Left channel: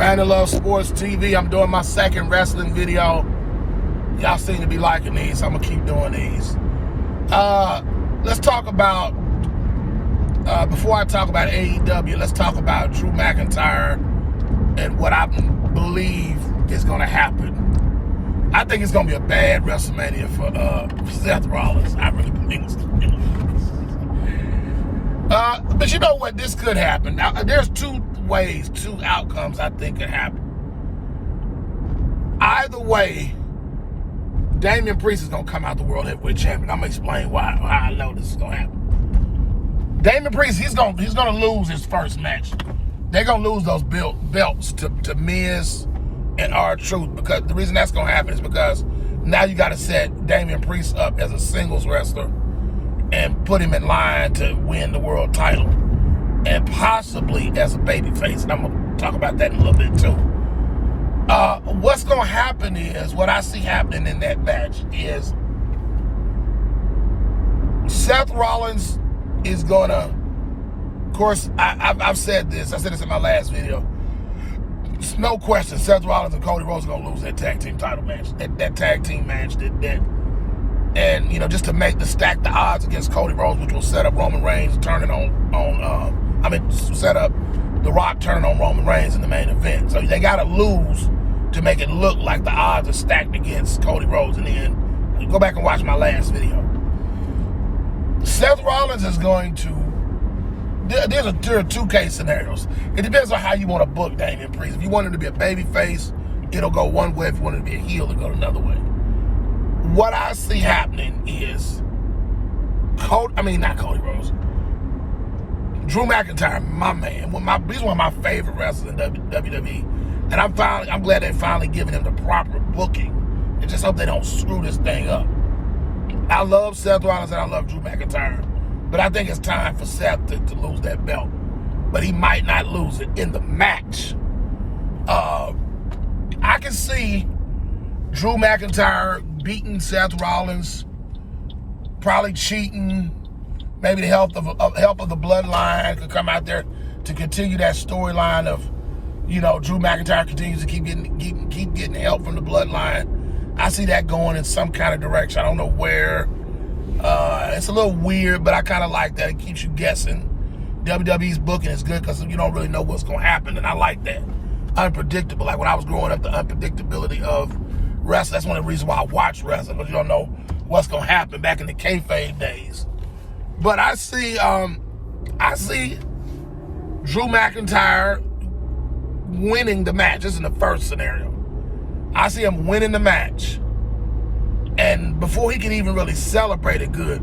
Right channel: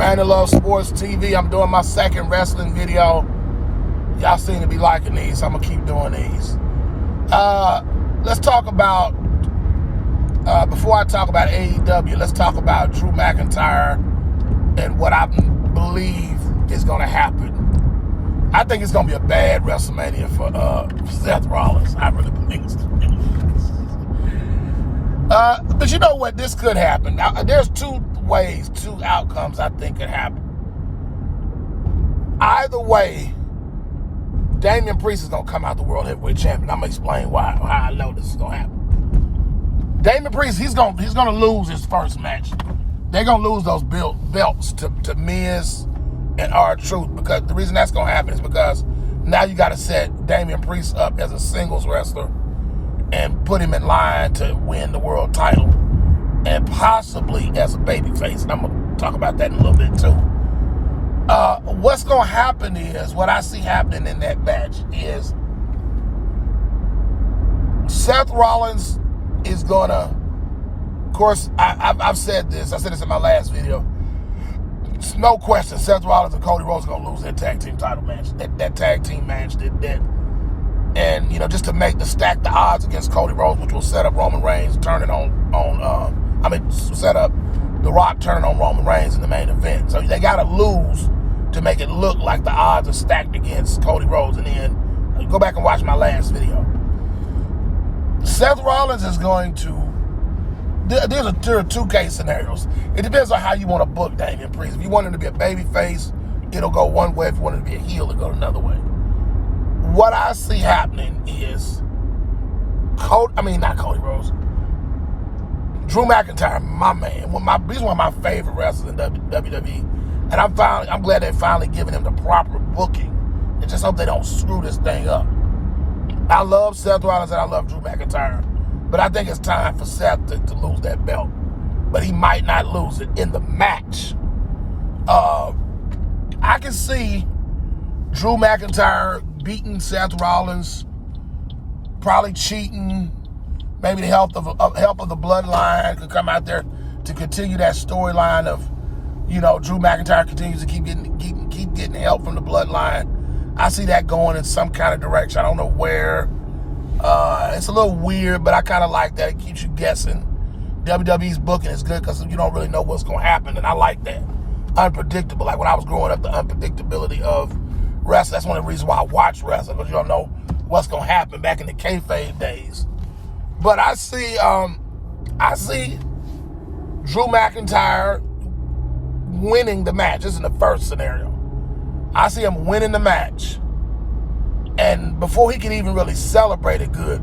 Brandon Love Sports TV. I'm doing my second wrestling video. Y'all seem to be liking these, so I'm going to keep doing these. Let's talk about, before I talk about AEW, let's talk about Drew McIntyre and what I believe is going to happen. I think it's going to be a bad WrestleMania for Seth Rollins. I really believe it's going to be. But you know what? This could happen. Now, there's two outcomes I think could happen. Either way, Damien Priest is going to come out the World Heavyweight Champion. I'm going to explain why I know this is going to happen. Damien Priest, he's going to lose his first match. They're going to lose those belts to Miz and R-Truth, because the reason that's going to happen is because now you got to set Damien Priest up as a singles wrestler and put him in line to win the world title, and possibly as a babyface. And I'm going to talk about that in a little bit too. What's going to happen is, what I see happening in that match is Seth Rollins is going to, of course, I've said this. I said this in my last video. It's no question, Seth Rollins and Cody Rhodes are going to lose that tag team title match. That tag team match. And, you know, just to stack the odds against Cody Rhodes, which will set up Roman Reigns turning set up The Rock turning on Roman Reigns in the main event. So they got to lose to make it look like the odds are stacked against Cody Rhodes. And then go back and watch my last video. Seth Rollins is going to, there are two case scenarios. It depends on how you want to book Damien Priest. If you want him to be a baby face, it'll go one way. If you want him to be a heel, it'll go another way. What I see happening is not Cody Rhodes, Drew McIntyre, my man. He's one of my favorite wrestlers in WWE, and I'm glad they're finally giving him the proper booking. And just hope they don't screw this thing up. I love Seth Rollins and I love Drew McIntyre, but I think it's time for Seth to lose that belt. But he might not lose it in the match. I can see Drew McIntyre beating Seth Rollins, probably cheating. Maybe the help of the bloodline could come out there to continue that storyline of, you know, Drew McIntyre continues to keep getting help from the bloodline. I see that going in some kind of direction. I don't know where. It's a little weird, but I kind of like that. It keeps you guessing. WWE's booking is good because you don't really know what's going to happen, and I like that. Unpredictable. Like when I was growing up, the unpredictability of wrestling. That's one of the reasons why I watch wrestling, because you don't know what's going to happen back in the kayfabe days. But I see Drew McIntyre winning the match. This is in the first scenario. I see him winning the match, and before he can even really celebrate it good,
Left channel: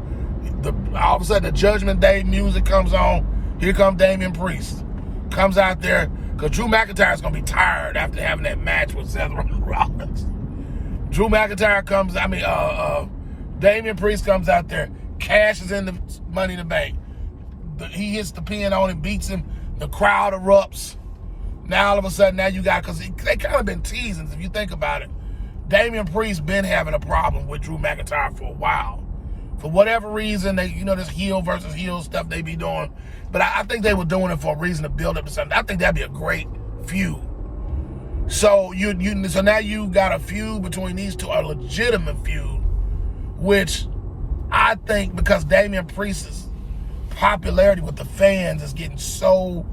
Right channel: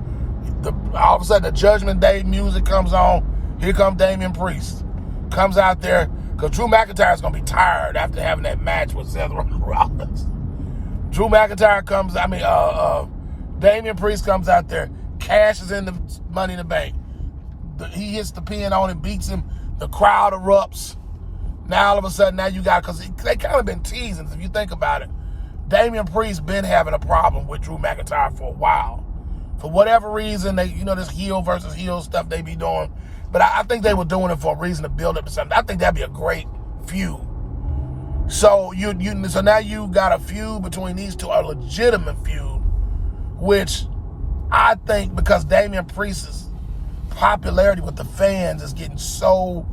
all of a sudden the Judgment Day music comes on. Here comes Damien Priest. Comes out there, because Drew McIntyre is going to be tired after having that match with Seth Rollins. Drew McIntyre Damien Priest comes out there, cashes in the Money in the Bank. He hits the pin on him, beats him. The crowd erupts. Now all of a sudden, you got, because they kind of been teasing, if you think about it. Damien Priest been having a problem with Drew McIntyre for a while. For whatever reason, this heel versus heel stuff they be doing. But I think they were doing it for a reason to build up to something. I think that'd be a great feud. So so now you got a feud between these two, a legitimate feud, which I think, because Damien Priest's popularity with the fans is getting so,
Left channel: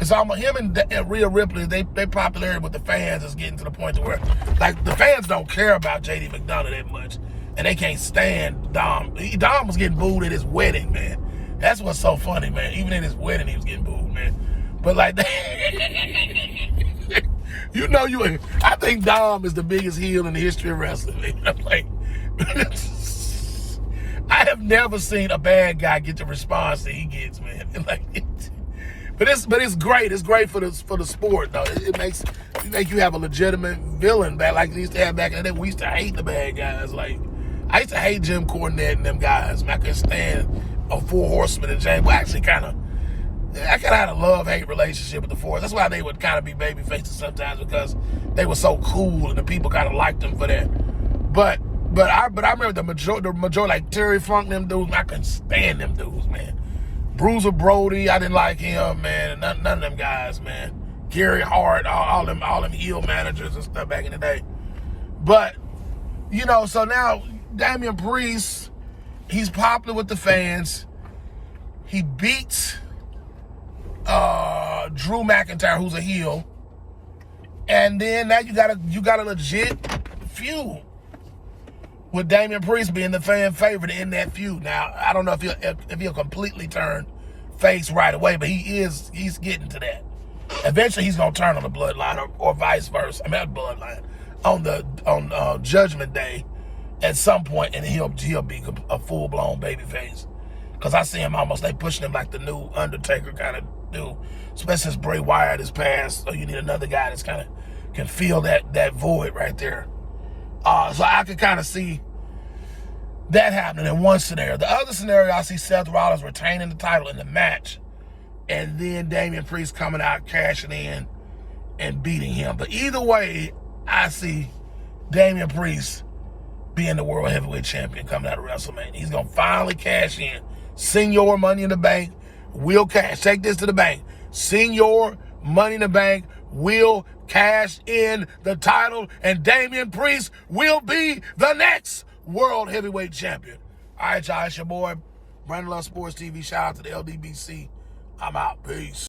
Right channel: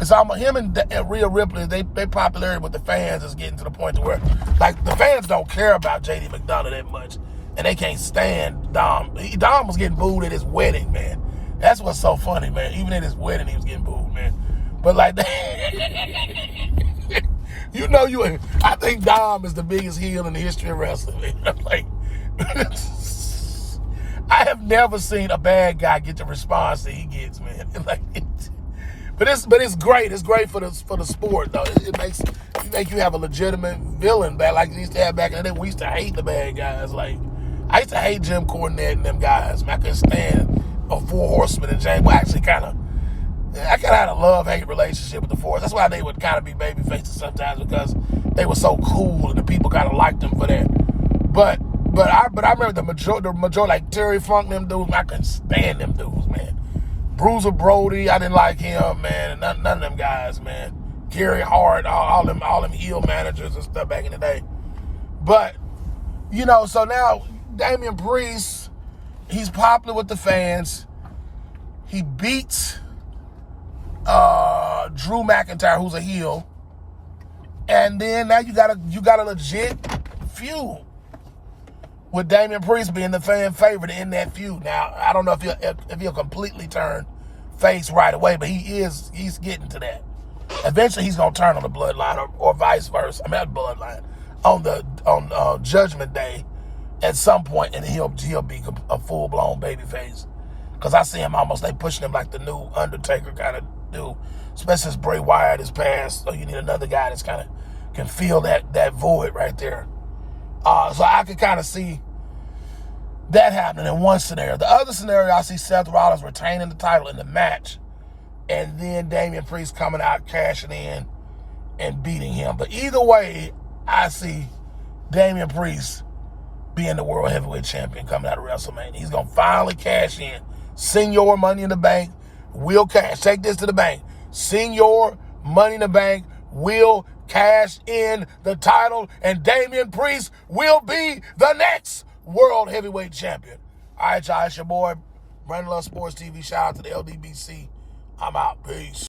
it's almost him and Rhea Ripley, they popularity with the fans is getting to the point to where, like, the fans don't care about JD McDonough that much, and they can't stand Dom. Dom was getting booed at his wedding, man. That's what's so funny, man. Even at his wedding, he was getting booed, man. But like, I think Dom is the biggest heel in the history of wrestling, man. I'm like, I have never seen a bad guy get the response that he gets, man. Like, but it's great. It's great for the sport, though. It makes you have a legitimate villain back, like they used to have back in the day. We used to hate the bad guys. Like, I used to hate Jim Cornette and them guys. Man, I couldn't stand a Four Horsemen and James. Well, actually, I kind of had a love-hate relationship with the Four. That's why they would kind of be baby faces sometimes, because they were so cool and the people kind of liked them for that. But I remember the majority, like Terry Funk, them dudes, I couldn't stand them dudes, man. Bruiser Brody, I didn't like him, man. None of them guys, man. Gary Hart, all them heel managers and stuff back in the day. But, so now Damian Priest, he's popular with the fans. He beats Drew McIntyre, who's a heel. And then now you got a legit feud with Damien Priest being the fan favorite in that feud. Now, I don't know if he'll completely turn face right away, but he's getting to that. Eventually, he's gonna turn on the bloodline, or vice versa. I mean, not bloodline, on Judgment Day, at some point, and he'll be a full blown babyface. Because I see him they pushing him like the new Undertaker kind of dude, especially since Bray Wyatt is passed. So you need another guy that's kind of can fill that void right there. So I could kind of see that happening in one scenario. The other scenario, I see Seth Rollins retaining the title in the match, and then Damian Priest coming out, cashing in, and beating him. But either way, I see Damian Priest being the World Heavyweight Champion coming out of WrestleMania. He's going to finally cash in. Senior Money in the Bank will cash. Take this to the bank. Senior Money in the Bank will cash in the title, and Damian Priest will be the next World Heavyweight Champion. All right, y'all. It's your boy, Brandon Love Sports TV. Shout out to the LDBC. I'm out. Peace.